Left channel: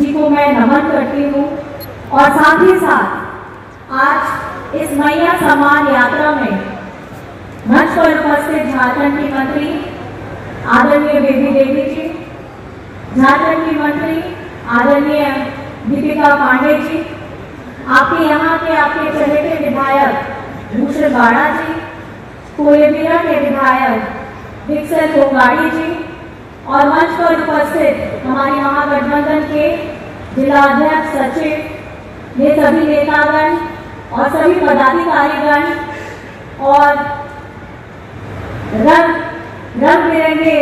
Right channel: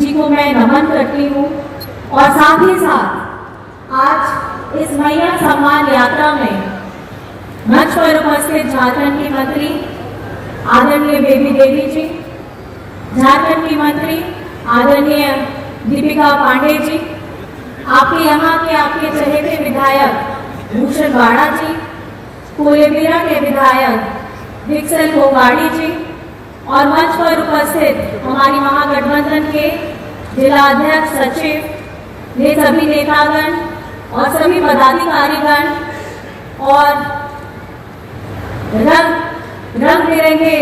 जी को मैं नमन करती हूँ। और साथ ही साथ आज इस मैया सम्मान यात्रा में मंच पर उपस्थित झारखंड की मंत्री आदरणीय बेबी देवी जी, झारखंड की मंत्री आदरणीय दीपिका पांडे जी, आपके यहाँ के आपके चहेते विधायक भूषण वाड़ा जी, कोलेबिरा के विधायक विक्सल कोगाड़ी जी और मंच पर उपस्थित हमारी महागठबंधन के जिला अध्यक्ष सचिव, ये सभी नेतागण और सभी पदाधिकारीगण और रंग बिरंगे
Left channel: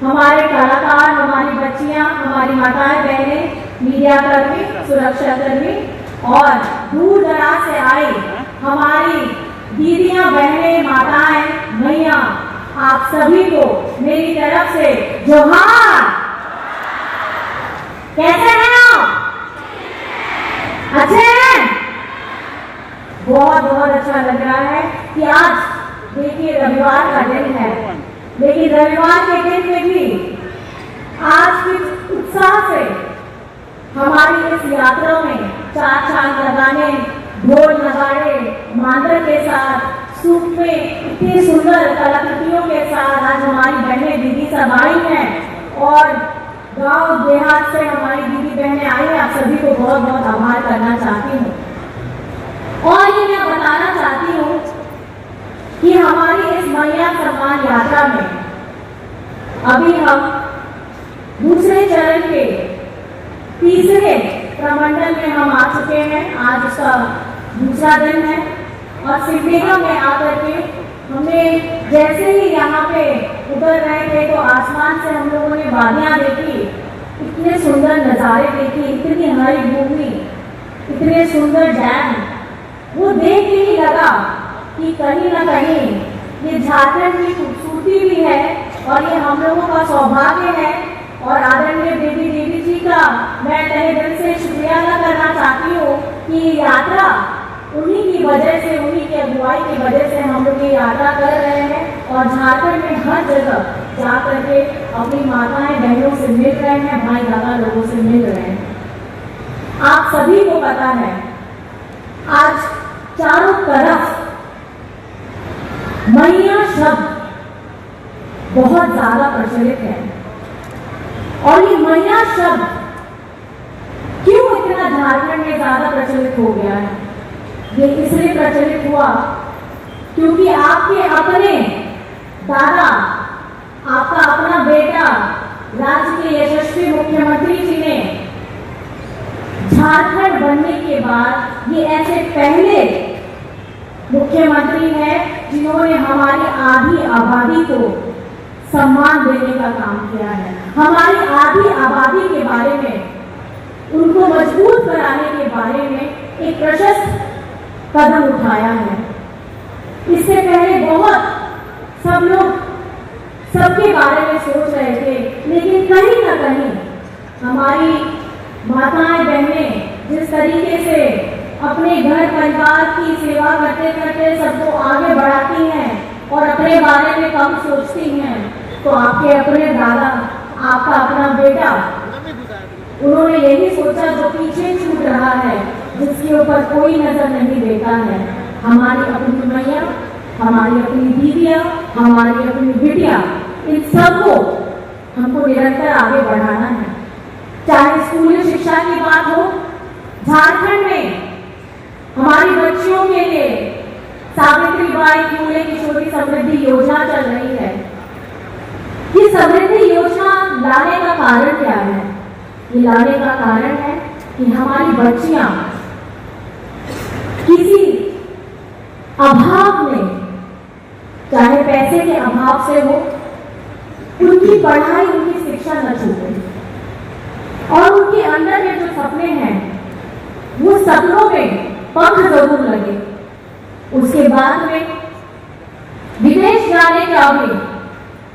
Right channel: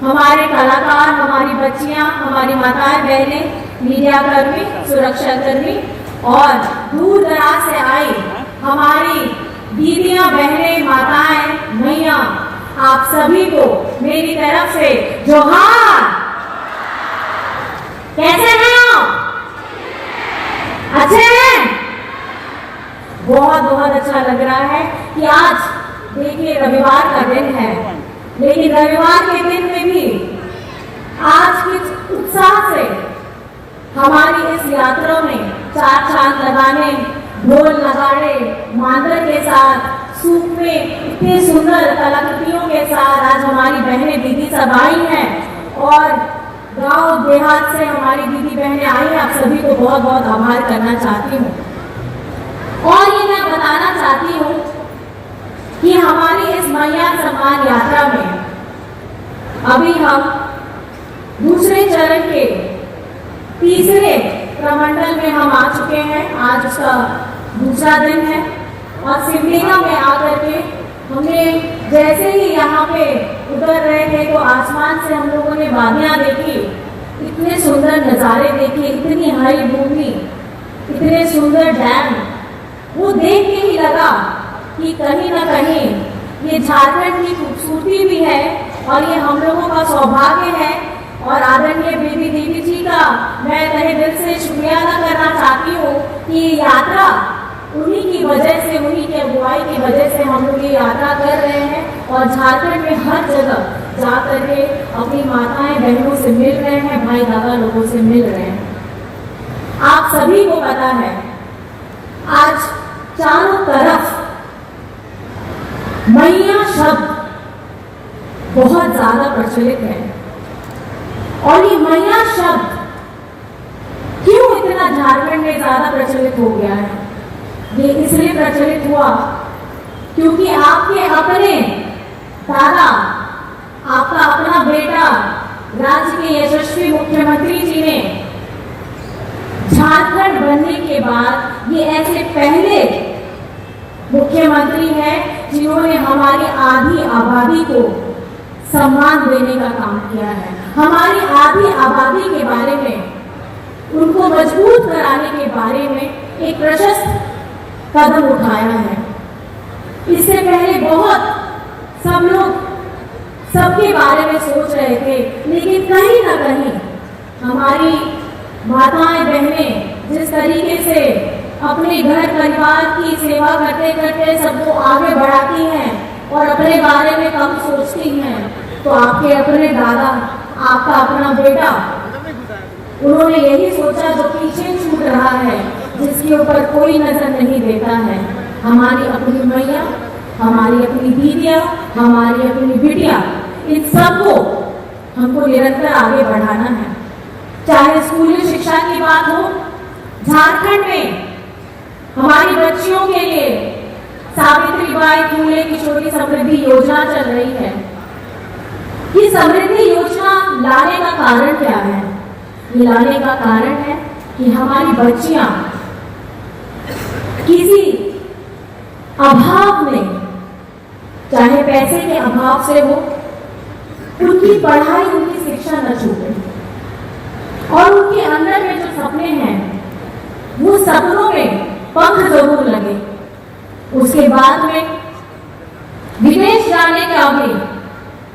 हमारे कलाकार, हमारी बच्चियां, हमारी माताएं बहनें, मीडिया कर्मी, सुरक्षा कर्मी और दूर दराज से आई हमारी दीदियां, बहनें, माताएं, मैया, आप सभी को मेरी तरफ से जोहार। कैसे हैं आप? अच्छे हैं? बहुत बहुत अच्छा लग रहा है कि आज देखिए रविवार का दिन है, लेकिन रविवार के दिन में भी आज कुछ उत्साह से हमारी इस यात्रा में चार चांद लगाने, ढोल नगाड़े, मांदर के साथ, सूप में इतनी सुंदर कलाकृतियों के साथ आज हमारी बहनें दीदी सब आई हैं और गांव देहात से हमारी दीदी बहनें आई हैं। आप सभी को बहुत बहुत आभार करना चाहती हूँ और ये मैं बताना चाहती हूँ कि हमारी इस मैया सम्मान यात्रा में अभी हम दूसरे चरण के तीसरे प्रमंडल में हम आ चुके हैं। आज उसका दूसरा दिन है और सिमडेगा में आकर के हमने जैसे ही यहाँ पे उतर रहे थे तो आसमान से हम लोगों ने वादियाँ देखी, इतने सुंदर नज़ारे देखे, इतनी हरी भूमि, इतने सुंदर डैम, वो देख के ही लगा कि कहीं ना कहीं ये झारखंड की खूबसूरती भी है और ये हम लोगों का सौभाग्य है। और आदरणीय बेबी देवी जी का मैं तहे दिल से शुक्रिया अदा करना चाहती हूँ कि ये यात्रा उन्हीं की वजह से, उन्हीं की अगुवाई की वजह से हम लोग ये यात्रा कर रहे हैं और झारखंड में हर जगह जा करके अपनी माताएं बहनों से मिल रहे हैं, भाई दादा लोगों से मिल रहे हैं। आप सभी को पता है आज चारों तरफ मैया शब्द बहुत ज्यादा प्रचलित है और ये मैया शब्द क्यों इतना झारखंड में ज्यादा प्रचलित हो गया है? ये इसलिए प्रचलित हुआ क्योंकि आपके अपने दादा, आपका अपना बेटा, राज्य के यशस्वी मुख्यमंत्री जी ने झारखंड बनने के बाद ये ऐसे पहले मुख्यमंत्री हैं जिन्होंने हमारी आधी आबादी को सम्मान देने का काम किया है। हमारी आधी आबादी के बारे में, उनको मजबूत कराने के बारे में एक प्रशस्त कदम उठाया है। इससे पहले बहुत सब लोग सबके बारे में सोच रहे थे, लेकिन कहीं ना कहीं हमारी माताएं बहनें जिस तरीके से अपने घर परिवार की सेवा करते करते सबको आगे बढ़ाती हैं और अपने बारे में कम सोचती हैं, तो आपके अपने दादा, आपका अपना बेटा, उन्होंने यही सोचा जो पीछे छूट रहा है, जिसके ऊपर कोई नजर नहीं देता है। हमारी अपनी मैया, हमारी अपनी दीदियाँ, हमारी अपनी बिटिया, इन सबको हमको निरंतर आगे बढ़ाना है। चाहे स्कूली शिक्षा की बात हो, झारखंड में हमारी बच्चियों के लिए सावित्रीबाई फुले की छोटी समृद्धि योजना चल रही है। ये समृद्धि योजना लाने का कारण क्या है? ये लाने का कारण है कि हमारी बच्चियां किसी अभाव में, चाहे पैसे के अभाव से हो, उनकी पढ़ाई, उनकी शिक्षा न छूटे और उनके अंदर में जो सपने हैं वो सपनों में पंख जरूर लगे। उसके बाद में विदेश जाने का भी,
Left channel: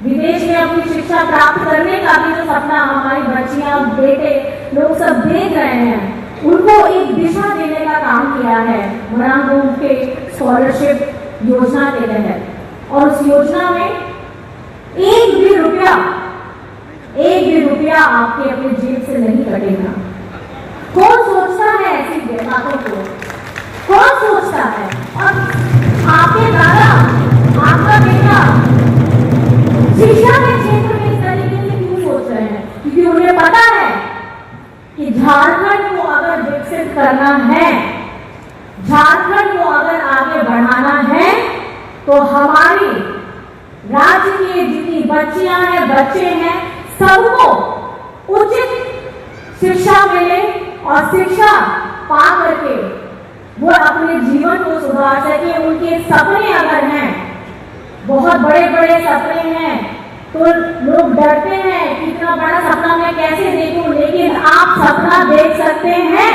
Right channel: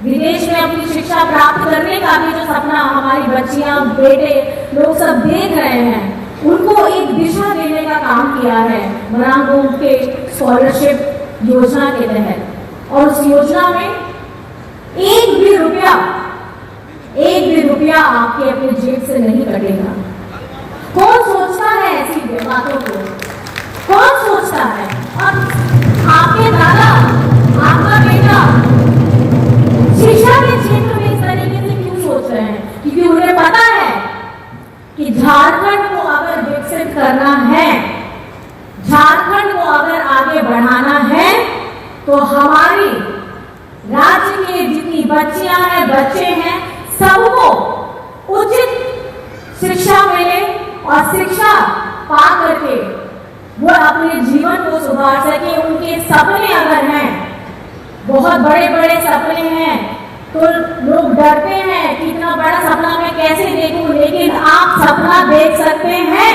विदेश में अपनी शिक्षा प्राप्त करने का भी जो सपना हमारी बच्चियां, बेटे लोग सब देख रहे हैं, उनको एक दिशा देने का काम किया है मरांगोम के स्कॉलरशिप योजना के तहत। और उस योजना में एक भी रुपया आपके अपने जेब से नहीं कटेगा। कि झारखंड को अगर विकसित करना है, झारखंड को अगर आगे बढ़ाना है, तो हमारी राज्य के जितनी बच्चियां हैं, बच्चे हैं, सबको उचित शिक्षा मिले और शिक्षा पा करके वो अपने जीवन को सुधार सके। उनके सपने अगर हैं, बहुत बड़े बड़े सपने हैं, तो लोग डरते हैं कि इतना बड़ा सपना मैं कैसे देखूं, लेकिन आप सपना देख सकते हैं।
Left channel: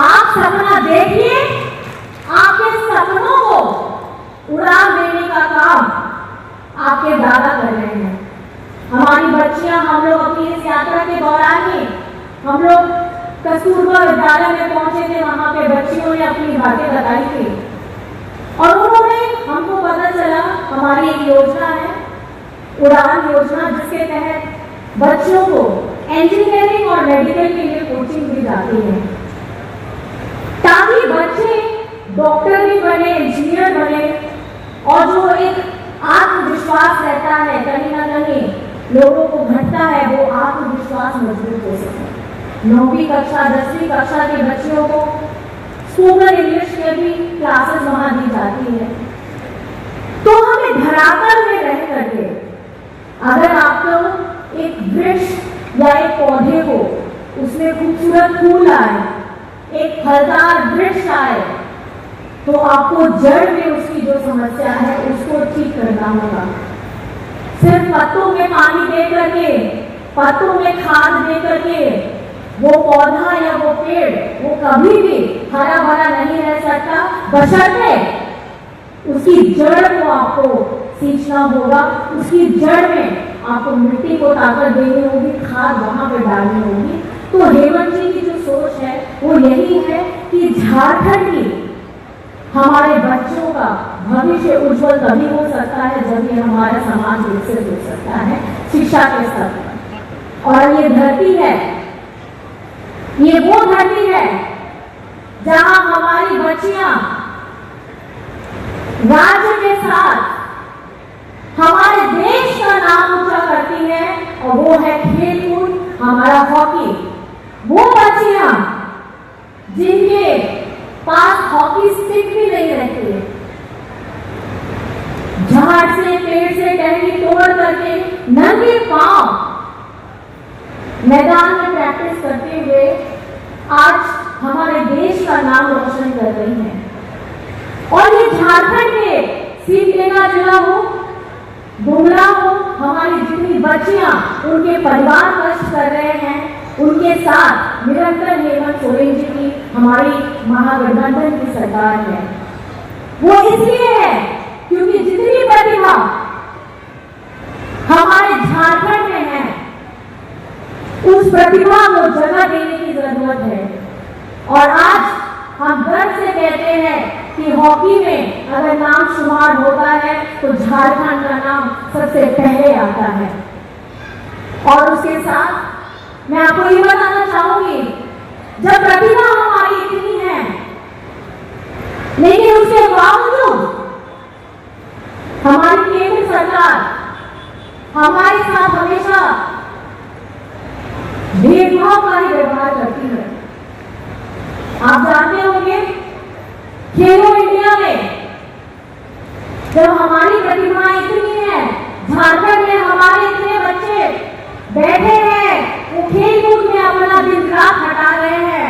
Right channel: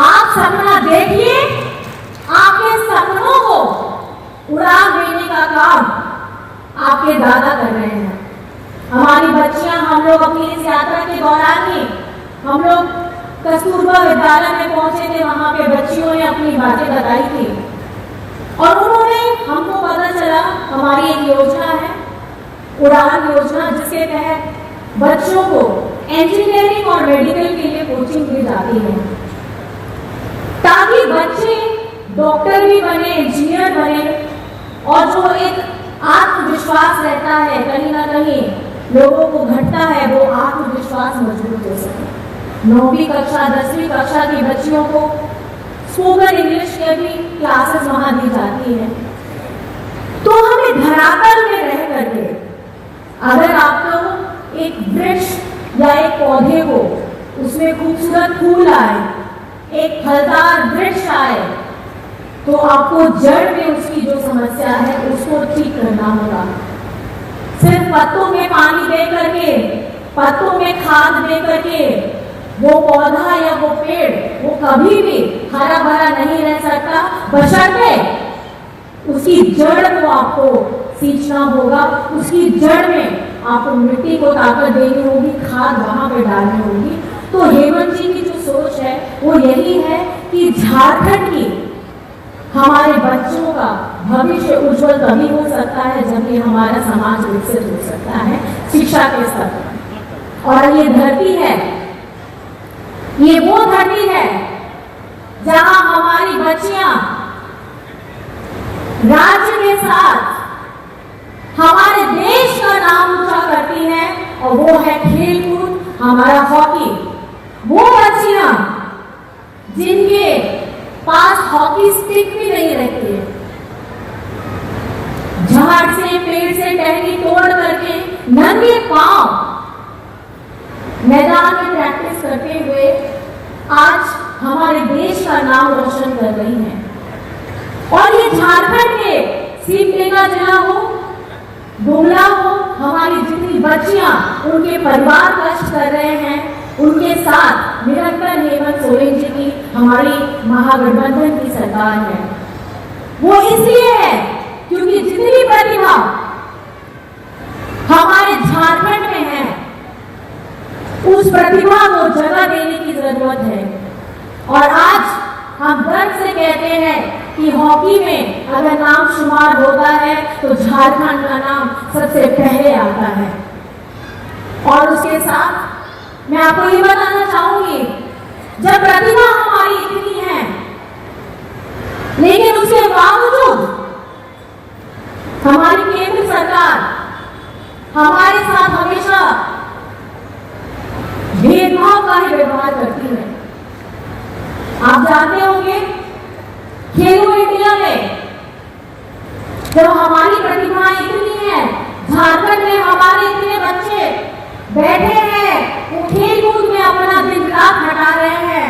आप सपना देखिए, आपके सपनों को उड़ान देने का काम आपके दादा कर रहे हैं। हमारी बच्चियां, हम लोग अपनी इस यात्रा के दौरान ही हम लोग कस्तूरबा विद्यालय में पहुंचे थे। वहां पे बच्चियों ने अपनी बातें बताई थी और उन्होंने हमको पता चला हमारी एक योजना है, उड़ान योजना, जिसके तहत बच्चों को इंजीनियरिंग और मेडिकल के लिए कोचिंग दी जाती है, ताकि बच्चे डॉक्टर भी बने, इंजीनियर बने और जो एक आत्मविश्वास रहता है, कहीं ना कहीं लोगों को घटता है, वो आत्मविश्वास मजबूत हो सके। 9वीं कक्षा 10वीं कक्षा की बच्चियों को स्पोकन इंग्लिश के भी क्लासेस वहां दी जाती है। तो हमें धरातल में रह करके, अगर आपको एक वृक्ष या एक पौधे को उसमें खूबसूरत फूल आए, एक फलदार वृक्ष आए, तो आपको जड़ में उसकी जो समस्या है उसको ठीक करना होगा। सिर्फ पत्तों में पानी दे करके, पत्तों में खाद दे करके वो पौधा या वो पेड़ वो कभी भी हरा भरा नहीं रह सकता, बशर्ते उसकी जड़ को आपको सींचना होगा। उसकी जड़ में आपको मिट्टी को ताकत देनी होगी, खाद वहां पे डालनी होगी। तो हेमंत जी की जो सोच है वो यही है कि झारखंड की हमारे बच्चों का भविष्य उज्जवल तभी हो सकता है जब ये हमारा समाज विकसित हो सकता है शिक्षा के स्तर पर। और ये धरती है, ये वो धरती है जहां हमारी बच्चियां राज्य के साथ हमारे देश का नाम ऊंचा करती हैं, और वो है खेलकूद, हमारा हॉकी। वो बच्चियां जिनके पास हॉकी स्टिक भी नहीं रहती, झाड़ से पेड़ से टहनी तोड़ करके नंगे पांव मैदान में प्रैक्टिस करते हुए आज हमारे देश का नाम रोशन कर रही हैं। और ये झारखंड के सिमडेगा जिला हो, गुमला हो, हमारी जितनी बच्चियां उनके परिवार कष्ट कर रहे हैं, उनके साथ निरंतर हेमंत सोरेन जी की हमारी महागठबंधन की सरकार है। वो इसलिए है क्योंकि जितनी प्रतिभा हमारे झारखंड में है, उस प्रतिभा को जगह देने की जरूरत है। और आज हम गर्व से कहते हैं कि हॉकी में अगर नाम शुमार होता है तो झारखंड का नाम सबसे पहले आता है। और उसके साथ मैं आपको ये बताना चाहूंगी, जब प्रतिभा हमारी इतनी है, लेकिन उसके बावजूद हमारी केंद्र सरकार हमारे साथ हमेशा भेदभाव का ही व्यवहार करती है। आप जानते होंगे, खेलो इंडिया में जब हमारी प्रतिभाएं इतनी हैं, झारखंड में हमारे इतने बच्चे बैठे हैं, वो खेल कूद में अपना दिन रात हटा रहे हैं,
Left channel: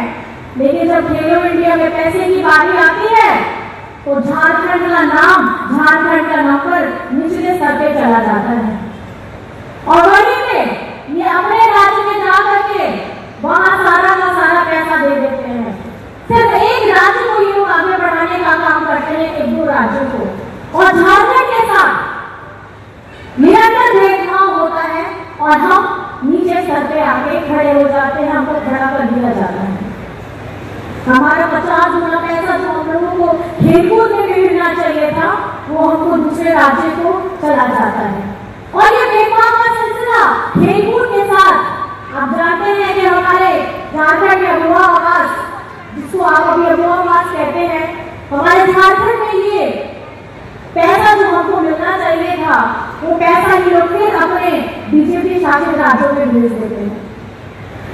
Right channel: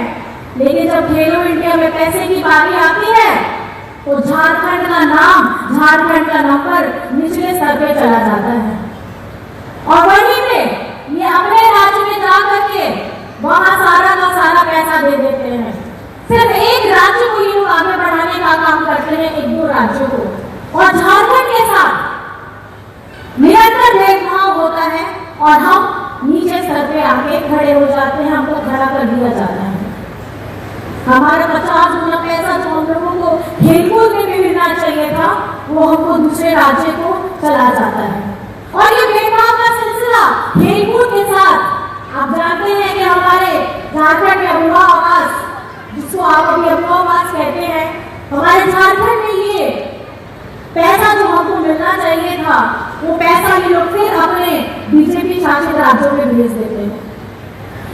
लेकिन जब खेलो इंडिया में पैसे की बारी आती है तो झारखंड का नाम, झारखंड का नंबर निचले स्तर पे चला जाता है। और वहीं पे ये अपने राज्य में जा करके वहां सारा का सारा पैसा दे देते हैं। सिर्फ एक राज्य को ये लोग आगे बढ़ाने का काम करते हैं, एक दो राज्यों को, और झारखंड के साथ निरंतर भेदभाव होता है और हम नीचे स्तर पे आके खड़े हो जाते हैं, हमको खड़ा कर दिया जाता है। हमारा 50 गुना पैसा जो हम लोगों को खेलकूद में भी मिलना चाहिए था, वो हमको दूसरे राज्य को चला जाता है। और ये भेदभाव का सिलसिला खेलकूद के साथ आप जानते हैं कि हमारे झारखंड में अबुआ आवास, जिसको आप अभी अबुआ आवास कहते हैं, हमारे झारखंड में ये पैसा जो हमको मिलना चाहिए था, वो पैसा ये लोग फिर अपने बीजेपी शासित राज्यों में भेज देते हैं।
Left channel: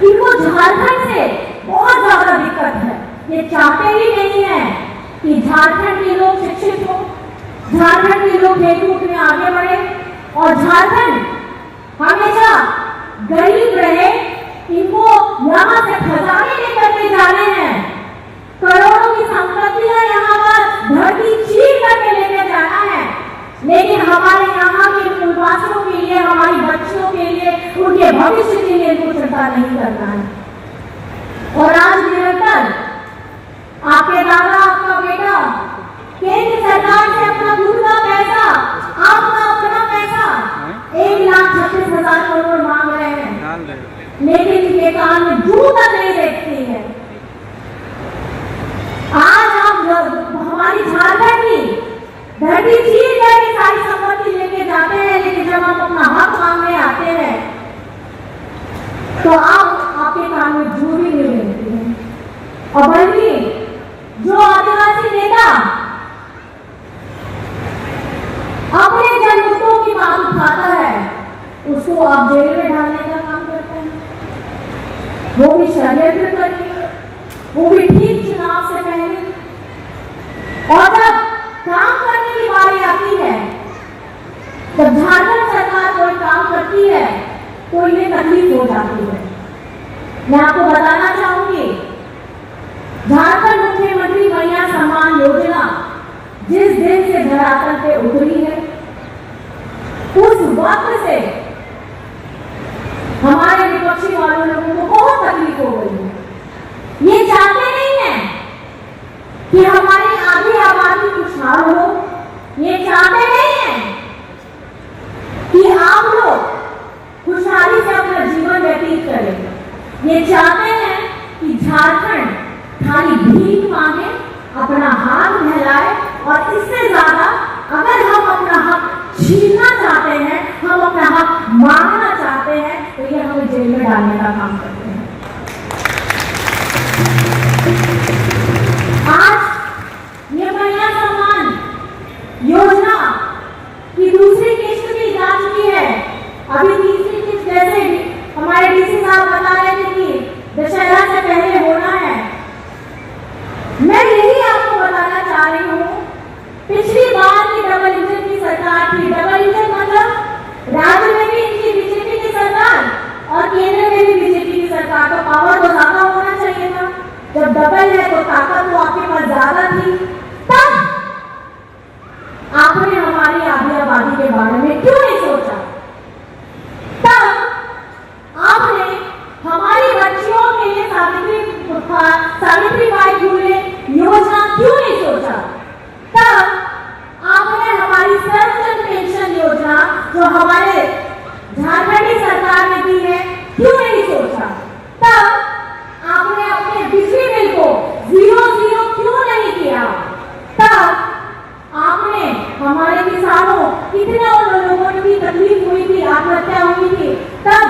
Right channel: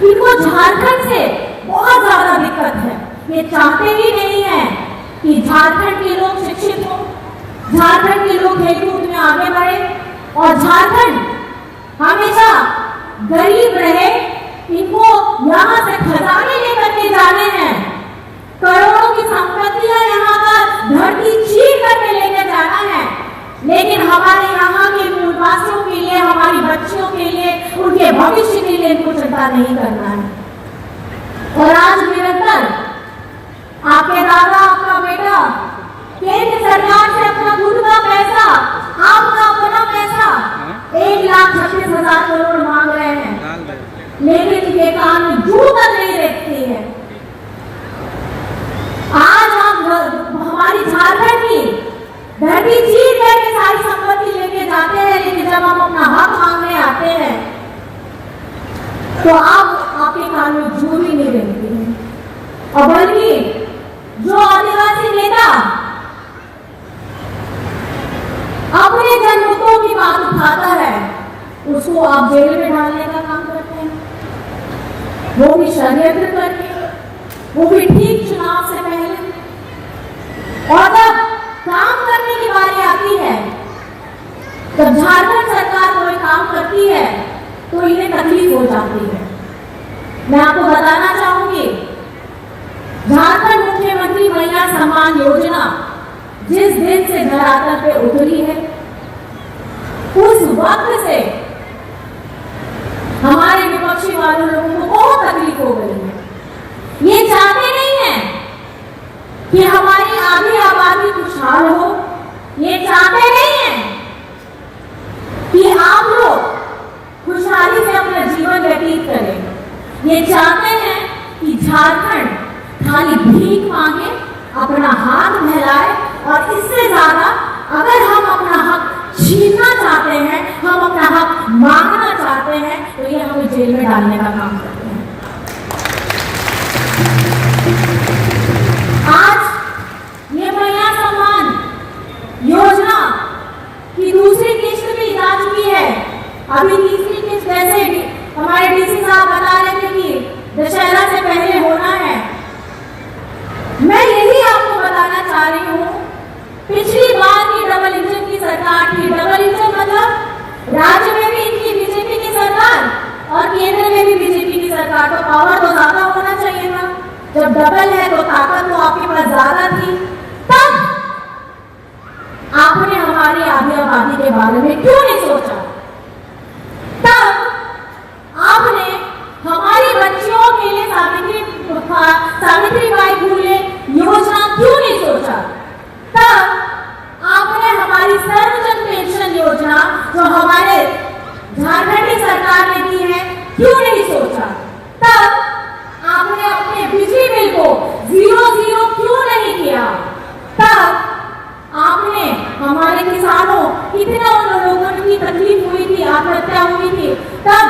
इनको झारखंड से बहुत ज्यादा दिक्कत है। ये चाहते ही नहीं है कि झारखंड के लोग शिक्षित हो, झारखंड के लोग खेलकूद में आगे बढ़े और झारखंड हमेशा गरीब रहे। इनको यहाँ से खजाने लेकर के जाने हैं, करोड़ों की संपत्तियां यहाँ का धरती चीर करके लेकर जाना है, लेकिन हमारे यहाँ के मूलवासियों के लिए, हमारी बच्चियों के लिए, उनके भविष्य के लिए इनको चिंता नहीं करना है। और आज निरंतर आपके दादा, आपका बेटा केंद्र सरकार से अपना खुद का पैसा, आपका अपना पैसा 1,36,000 करोड़ मांग रहे हैं, लेकिन इनके कान में जू तक नहीं देखती है। आज हम हमारी झारखंड की धरती चीर करके सारी संपत्ति लेके जाते हैं, लेकिन जब हम अपना हक मांगने आते हैं तो आप आपके कान में जू ही नहीं देखती है। और बल्कि जो आदिवासी नेता अपने जनमुद्दों की बात उठाता है, उसको आप जेल में डालने का काम करते हैं, वो भी षड्यंत्र करके, वो भी ठीक चुनाव से पहले। और जब काम करने की बारी आती है, जब झारखंड सरकार कोई काम करती है तो इन्हें तकलीफ हो जाती है। मैं आपको बताना चाहूंगी, झारखंड मुख्यमंत्री महिला सम्मान योजना जिस दिन से धरातल पे उतरी है, उस वक्त से हमारे विपक्षी वालों लोगों को बहुत तकलीफ हो गई है। ये चाहते नहीं है कि हमारी आधी आबादी खुशहाल हो, ये चाहते नहीं है कि आप लोग खुशहाली से अपना जीवन व्यतीत करें। ये चाहते हैं कि झारखंड खाली भीख मांगे, अपना हाथ फैलाए, और इससे ज्यादा अगर हम अपना हक छीनना चाहते हैं, हम अपना हक मांगना चाहते हैं, तो ये हमें जेल में डालने का काम करते हैं। आज ये महिला सम्मान योजना की दूसरी किस्त भी जा चुकी है। अभी तीसरी किस्त जैसे हमारे डीसी साहब बता रहे थे कि दशहरा से पहले होना है। मैं यही आपको बताना चाह रही हूँ, पिछली बार की डबल इंजन की सरकार थी। डबल इंजन मतलब राज्य में भी इनकी बीजेपी की सरकार और केंद्र में भी बीजेपी की सरकार। तो पावर तो ज्यादा होना चाहिए था। जब डबल है तो ताकत तो आपके पास ज्यादा थी। तब आपने हमारी आधी आबादी के बारे में क्यों नहीं सोचा? तब आपने हमारी बच्चियों के लिए सावित्रीबाई फुले योजना क्यों नहीं सोचा? तब आपने हमारी सर्वजन पेंशन योजना जो हमारे झारखंड की सरकार ने दी है क्यों नहीं सोचा? तब आपने अपने बिजली बिल को 0 क्यों नहीं किया? तब आपने हमारे किसानों, कितने उन लोगों की तकलीफ हुई थी, आत्महत्या हुई थी, तब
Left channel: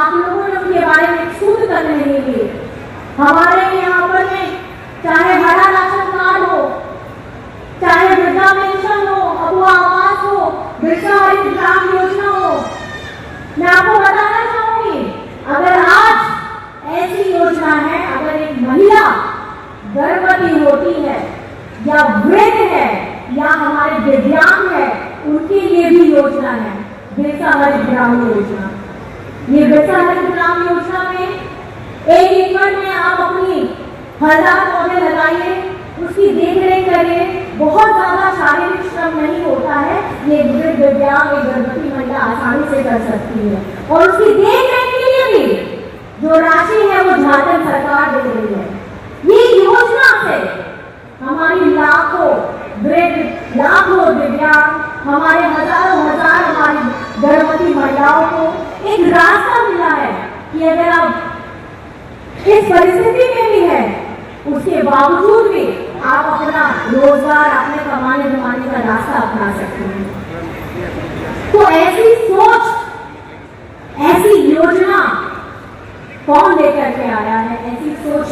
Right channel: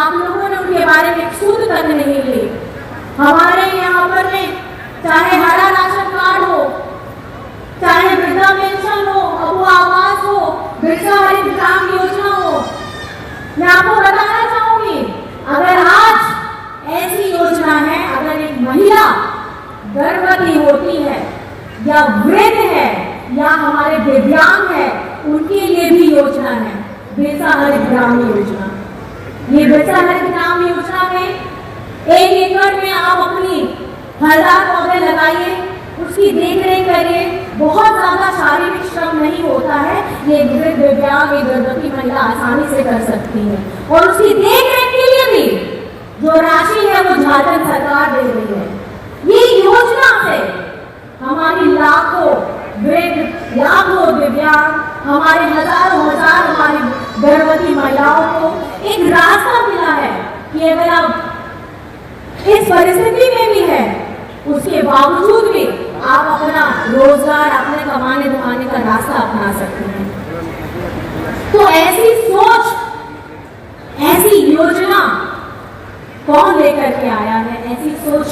आप लोगों ने उनके बारे में सूद तक नहीं ली। हमारे यहाँ पर में चाहे हरा राशन कार्ड हो, चाहे वृद्धा पेंशन हो, अबुआ आवास हो, बिरसा हरित ग्राम योजना हो, मैं आपको बताना चाहूंगी, अगर आज ऐसी योजना है, अगर एक महिला गर्भवती होती है या वृद्ध है या हमारे दिव्यांग है, उनके लिए भी योजना है बिरसा हरित ग्राम योजना। ये बिरसा हरित ग्राम योजना में 1 एकड़ में आप अपनी फलदार पौधे लगाइए, उसकी देखरेख करिए। बहुत ज्यादा शारीरिक श्रम नहीं होता है, ये वृद्ध, दिव्यांग, गर्भवती महिला आसानी से कर सकती है। और उसकी देखरेख के लिए भी जो राशि है वो झारखंड सरकार दे रही है। ये योजना से हमारी लाखों वृद्ध, लाखों दिव्यांग, हमारे हजारों हजार हमारी गर्भवती महिलाओं को एक रास्ता मिला है कि अगर आप इस परिस्थिति में भी है, उसके बावजूद भी आप अपना रोजगार, अपने कमाने धमाने का रास्ता अपना सकते हैं। तो ऐसी सोच, ऐसी योजना कौन लेकर के आया है? ऐसी सोच,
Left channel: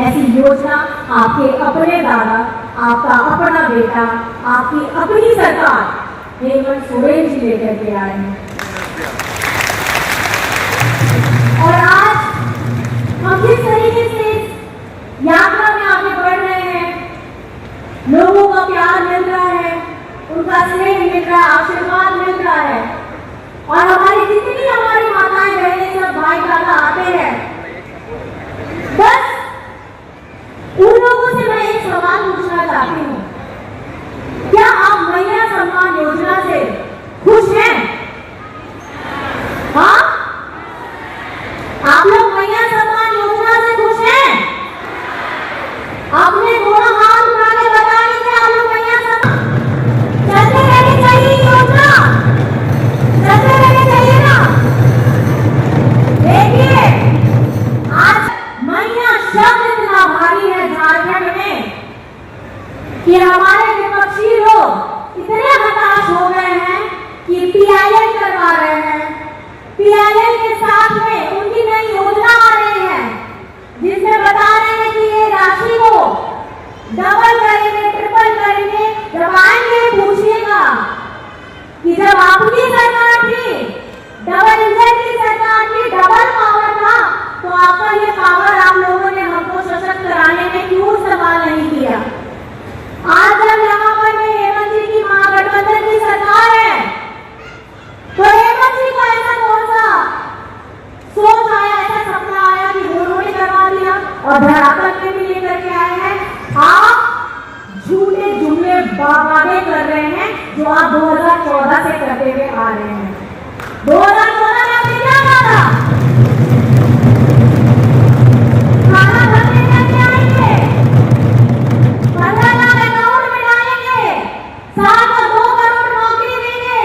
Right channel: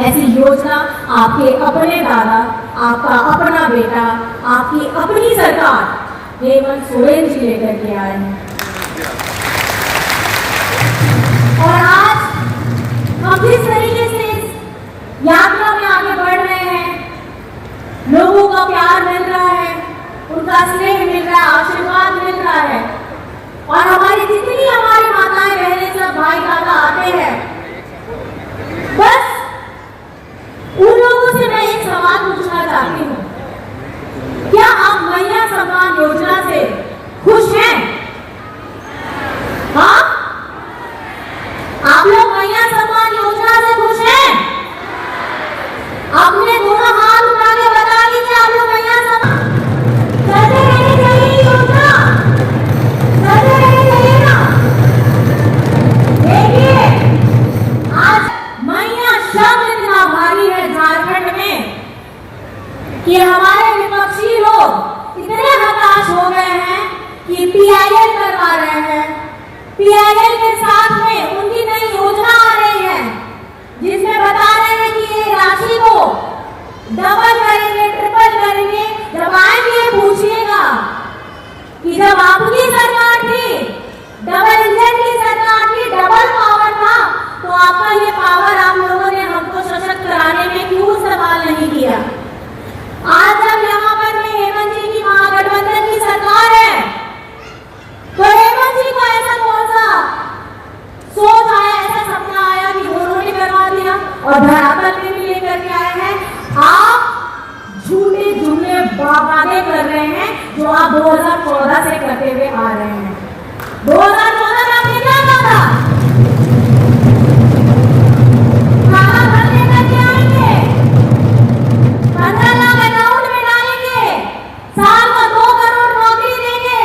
ऐसी योजना आपके अपने दादा, आपका अपना बेटा, आपकी अपनी सरकार हेमंत सोरेन जी लेकर के आए हैं। और आज झारखंड में कि हमारे विपक्षी लोग इतने हताश हो गए हैं कि पीआईएल करवा रहे हैं। पीआईएल के साथ में उनकी नई योजना आ रही है जिसमें बता रहे हैं कि ये राशि को डबल करेंगे, ट्रिपल करेंगे। जब आएंगे पूछिएगा कि जब आपकी सरकार थी, डबल इंजन की सरकार थी, डबल पावर था, तो आपका ये पावर आप लोगों ने हमको सशक्त कराने में क्यों इस्तेमाल नहीं किया। आज जब यहाँ पर में हेमंत जी की महागठबंधन की सरकार है, तो हेमंत जी को ऐसा कौन सा सोच आया, ऐसा सपना आया कि दोनों ने करवा दिया और धरातल में भी लेकर के आए हैं। आप झूठे जुमले वादे कर रहे हैं जो आप 2014 से करते हुए आ रहे हैं। 2014 में आपने क्या कहा था? खाना भरने का क्या आएंगे, 15 लाख अकाउंट में डालेंगे, साल में 2 करोड़ नौकरी देंगे।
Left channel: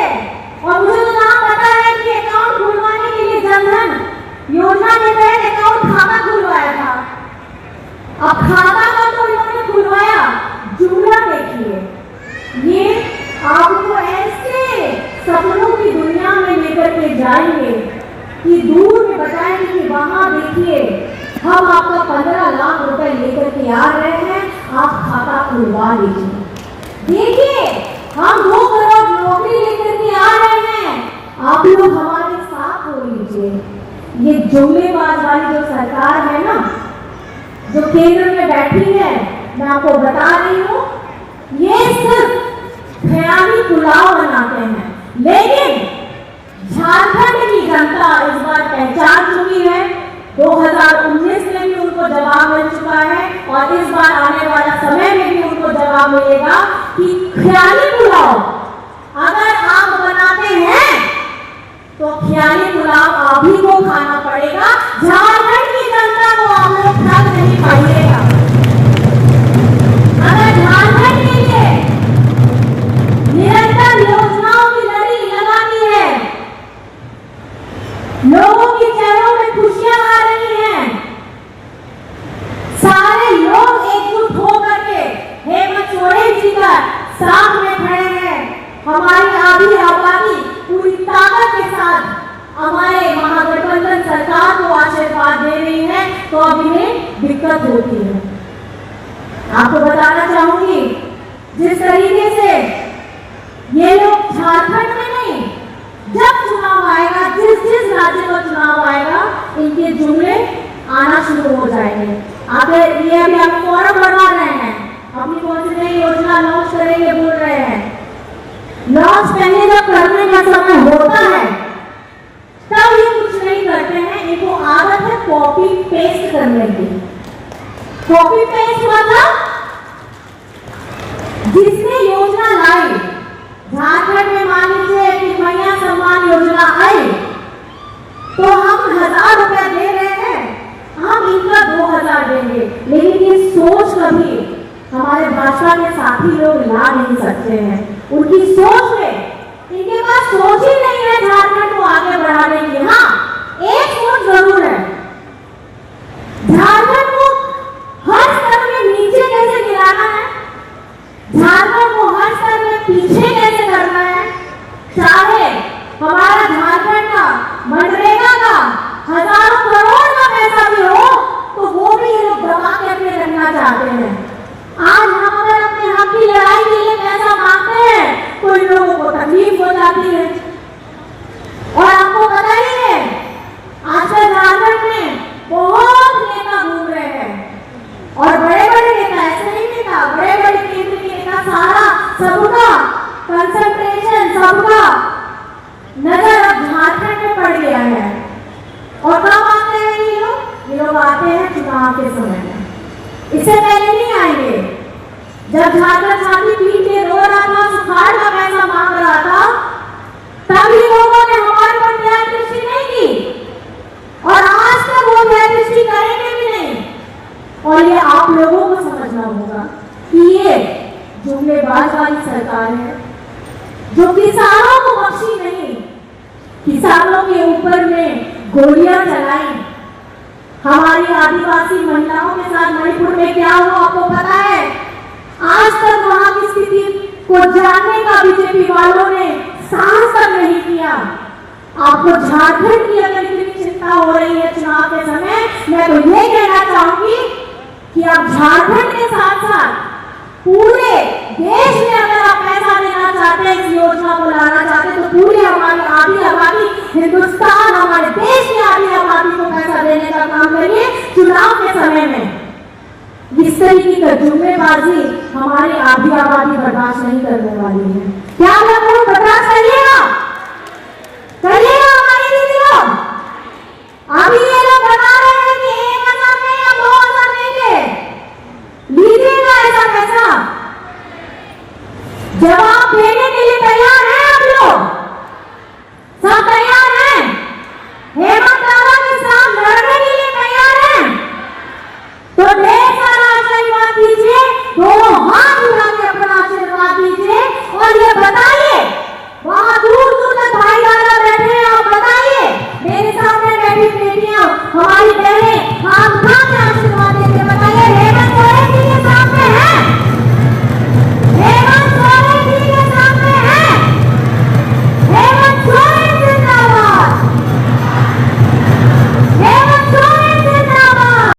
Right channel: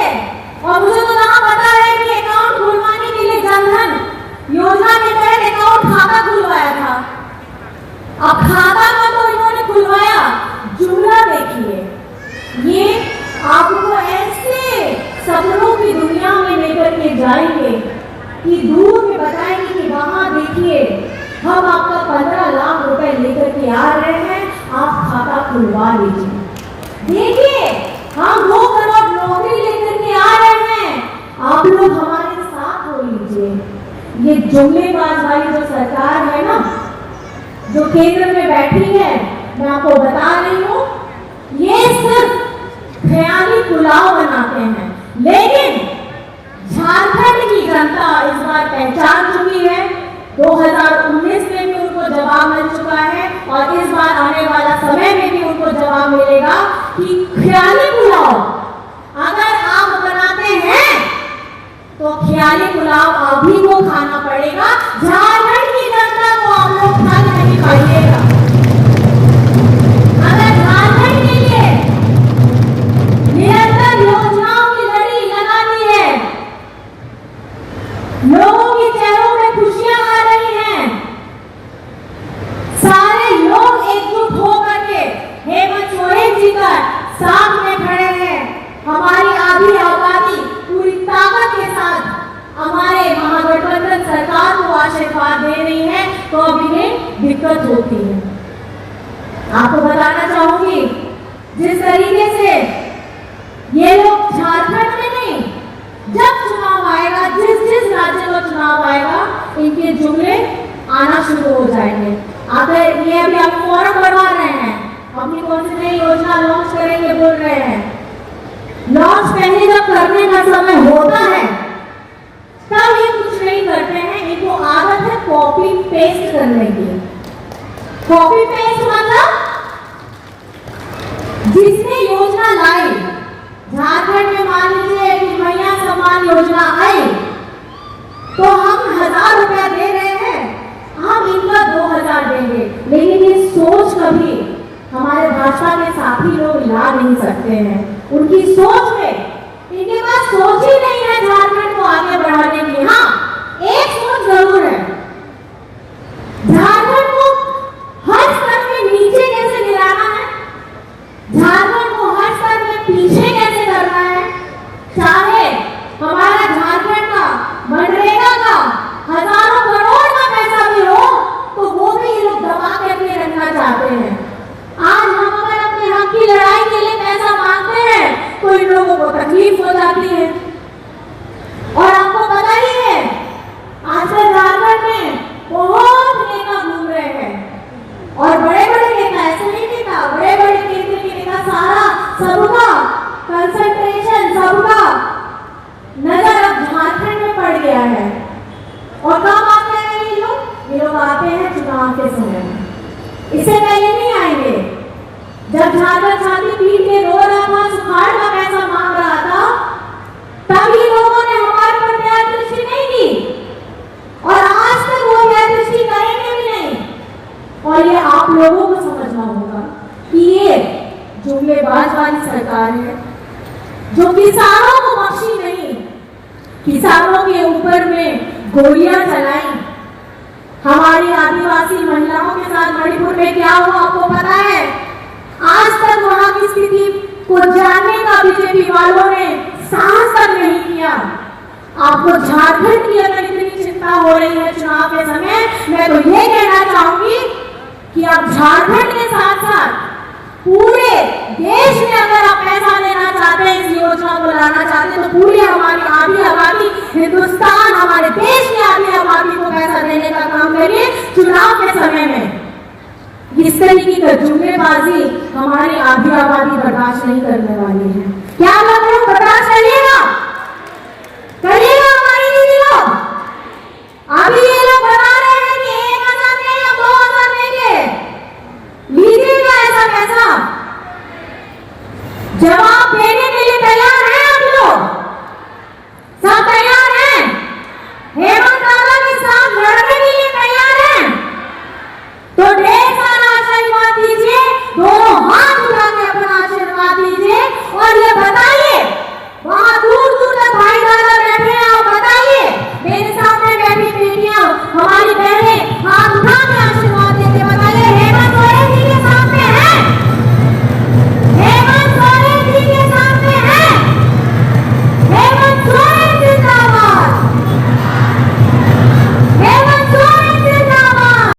और मुझे तो कहाँ पता है कि अकाउंट खुलवाने के लिए जनधन योजना के तहत अकाउंट खाता खुलवाया था। अब खाता का तो इन्होंने खुलवाया, जुमला देखिए। ये आपको ऐसे सपनों की दुनिया में लेकर के जाएंगे कि दूर में बताएंगे कि वहां देखिए हम आपका 15 लाख रुपए लेकर के आ रहे हैं, आप खाता खुलवा लीजिए। देखिए हम 2 करोड़ नौकरी लेकर के आ रहे हैं, आप लोग हमारे साथ हो लीजिए। ये जुमलेबाज वाली जो सरकार है ना, जो केंद्र में बैठी है, मैं आपको बता रही हूँ, ये सिर्फ ख्याली पुलाव बनाते हैं। लेकिन झारखंड की जनता इस बार पहचान चुकी है। 2019 में भी उनको जवाब मिल चुका है और इस बार आने वाला समय में भी उनको जवाब मिलेगा कि ख्याली पुलाव अगर आप बनाते हैं तो ख्याली पुलाव आप ही को खाना पड़ेगा। झारखंड की जनता को आप लोग ठग नहीं पाइएगा। अगर झारखंड के लिए निरंतर योजनाओं की लड़ी लगाती है, लोगों के चेहरों में खुशियां आ रही हैं, सारे लोग एकजुट होकर के हेमंत सोरेन जी का साथ में खड़े हैं, हमारी आधी आबादी पूरी ताकत के साथ हमारे महागठबंधन सरकार को आशीर्वाद दे रही है, तो अब इन्हें दिक्कत होती है। आपको बताना चाहूंगी, जिस तरीके से ये लोग झारखंड में नहीं, जब चुनाव आएगा, जिस जिस राज्य में चुनाव आएगा, इनके जुमले आना शुरू हो जाएंगे। आप ये अभी आप फॉर्म भरवा रहे हैं, अपनी कौन सी नई योजना लॉन्च करेंगे बोल रहे हैं। लॉन्च पहले जब करने का समय होता है तब ये कुछ नहीं करते हैं। इनको आदत है कॉपी पेस्ट करने की। कॉपी पेस्ट मतलब जिसने योजना लाई, झारखंड में मान लीजिए कि कन्या सम्मान योजना आई, तो हम 1000 रुपया दे रहे हैं, हम इनका 2000 देंगे। लेकिन ये सोच कभी हमारे भाजपा के साथी लोग ला नहीं सकते हैं। उनकी सोच में, इनके पास सोच ही नहीं है झारखंड को आगे बढ़ाने की। हाँ, एक सोच जरूर है, झारखंड को हर स्तर में नीचे कैसे गिराना है, झारखंड को हर स्तर में पीछे कैसे करना है। चाहे हमारा झारखंड का मनरेगा का हजारों करोड़ का पैसा भी हो, तो वो भी ये लोग दबा के अपने रखना चाहते हैं। आज हम अगर अपने हक की लड़ाई के लिए पैसा मांगते हैं तो इन लोगों को तकलीफ हो जाती है। और आपको पता ही है, आजकल झारखंड में बहुत नेता घूम रहे हैं और बड़े बड़े नेता, ऐसे नहीं नेता, बड़े बड़े केंद्र के नेता, सारा सबका कंसंट्रेशन, सबका नजर अब झारखंड में पड़ गया है। और कब आते हैं ये लोग आते हैं चुनाव के समय, इससे पहले नहीं आएंगे। जब झारखंड छात्र पीट के रो रहा था, सुखाड़ का पैसा मांग रहा था, तब ही लोगों ने हमारे पर न्याय दृष्टि नहीं की और आज तक वो न्याय दृष्टि करेंगे भी नहीं। और ये आप लोगों को समझना होगा कि ये जुमलेबाज वाली सरकार है जो किसानों को बख्शी नहीं, किसानों के ऊपर में गोलियां चलाई। हमारी आदिवासी महिलाओं के साथ मणिपुर में क्या हुआ आपको जाने का बीजेपी वालों ने साहस तक नहीं किया। आपको झारखंड की अगर इतनी चिंता हो रही है चुनाव के समय, मैं तो ये कहना चाहूंगी कि आप झारखंड के साथ साथ पूरे देश में अगर आप पैसा लेना चाहते हैं, इस योजना को लाना चाहते हैं, तो पूरी हमारी आधी आबादी, हिंदुस्तान, हमारे देश की आधी आबादी को पैसा देने का काम करिए चुनाव के समय में। इस तरीके की जुम्मेबाजी हमारी आधी आबादी बर्दाश्त नहीं करने वाली है। क्या आप लोग बर्दाश्त करिएगा? करिएगा हमारी दीदी लोग? अभी ये लोग बता रहे हैं कि 1,000 नहीं या 2,000 देंगे, लीजिएगा ऐसा पैसा। जवाब देने